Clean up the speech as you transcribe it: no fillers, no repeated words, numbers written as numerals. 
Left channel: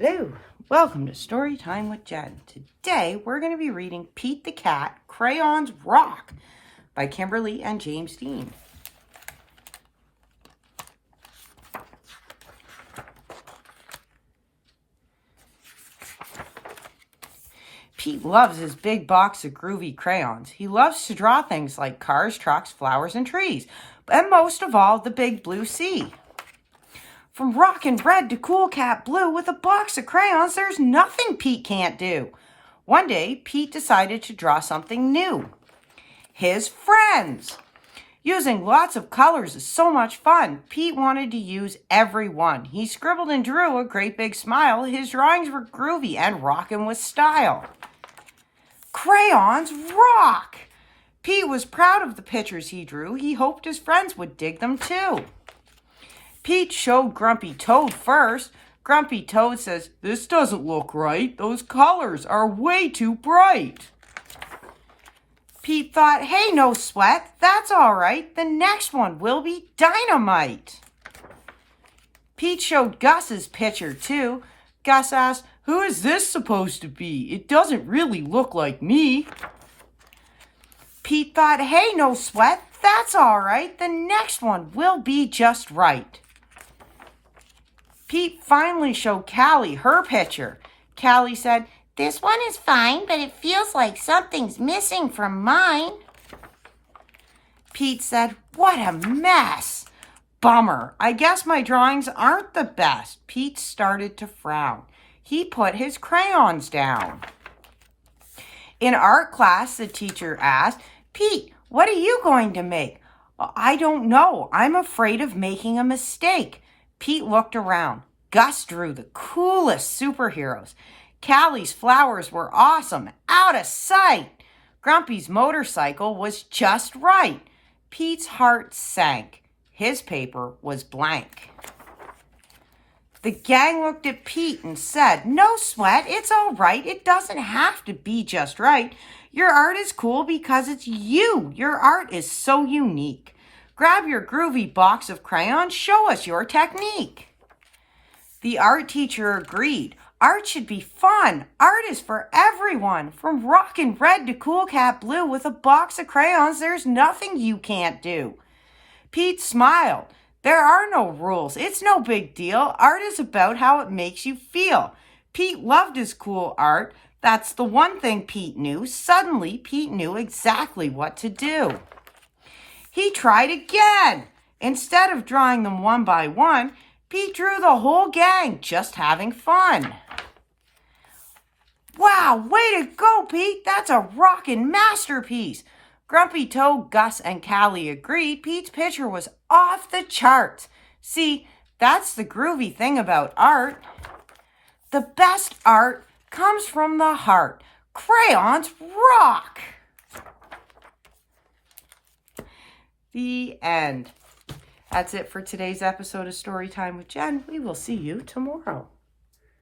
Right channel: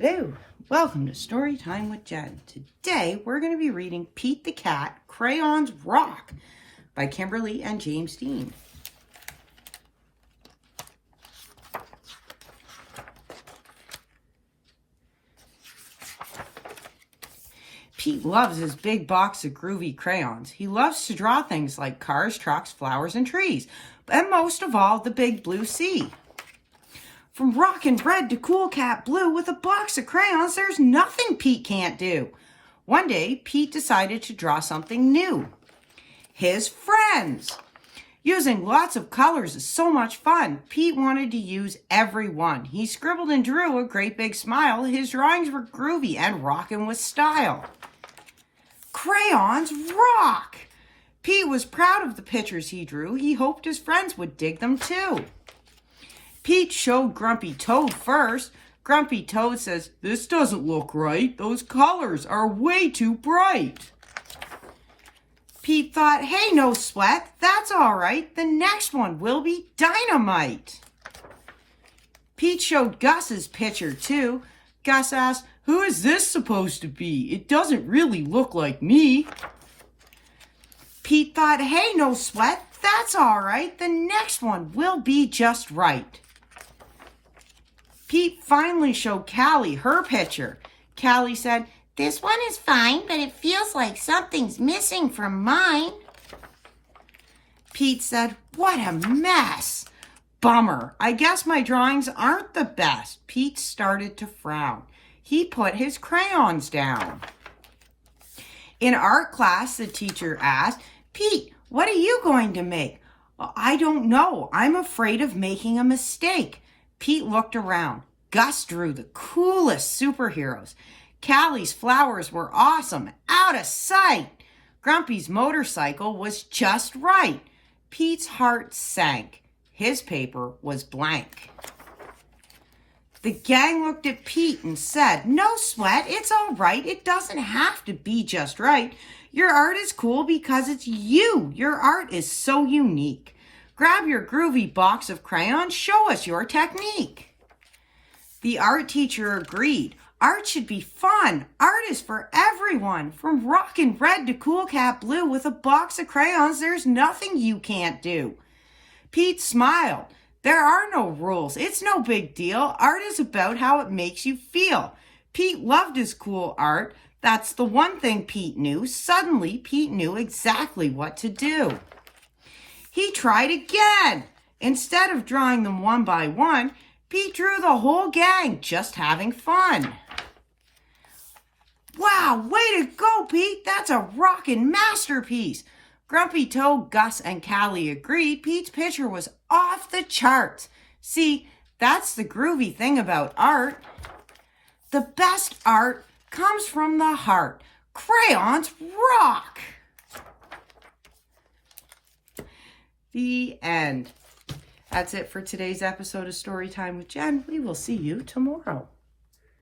Hello, welcome to Story Time with Jen. Today we're going to be reading Pete the Cat, Crayons Rock by Kimberly and James Dean. Pete loves his big box of groovy crayons. He loves to draw things like cars, trucks, flowers, and trees, and most of all, the big blue sea. From rockin' red to cool cat blue, with a box of crayons, there's nothing Pete can't do. One day, Pete decided to draw something new. His friends. Using lots of colors is so much fun. Pete wanted to use every one. He scribbled and drew a great big smile. His drawings were groovy and rockin' with style. Crayons rock! Pete was proud of the pictures he drew. He hoped his friends would dig them too. Pete showed Grumpy Toad first. Grumpy Toad says, "This doesn't look right. Those colors are way too bright." Pete thought, "Hey, no sweat. That's all right. The next one will be dynamite." Pete showed Gus's picture too. Gus asked, "Who is this supposed to be? It doesn't really look like me." Pete thought, "Hey, no sweat. That's all right. The next one will be just right." Pete finally showed Callie her picture. Callie said, "This one is fine, but it feels like something's missing from mine." Pete said, "What a mess. Bummer. I guess my drawings aren't the best." Pete started to frown. He put his crayons down. In art class, the teacher asked, "Pete, what are you going to make?" "I don't know. I'm afraid of making a mistake." Pete looked around. Gus drew the coolest superheroes. Callie's flowers were awesome, out of sight. Grumpy's motorcycle was just right. Pete's heart sank. His paper was blank. The gang looked at Pete and said, "No sweat, it's all right. It doesn't have to be just right. Your art is cool because it's you. Your art is so unique. Grab your groovy box of crayons, show us your technique." The art teacher agreed. Art should be fun. Art is for everyone. From rockin' red to cool cat blue, with a box of crayons, there's nothing you can't do. Pete smiled. There are no rules. It's no big deal. Art is about how it makes you feel. Pete loved his cool art. That's the one thing Pete knew. Suddenly, Pete knew exactly what to do. He tried again. Instead of drawing them one by one, Pete drew the whole gang, just having fun. "Wow, way to go, Pete. That's a rockin' masterpiece." Grumpy Toad, Gus, and Callie agreed. Pete's picture was off the charts. See, that's the groovy thing about art. The best art comes from the heart. Crayons rock! The end. That's it for today's episode of Storytime with Jen. We will see you tomorrow.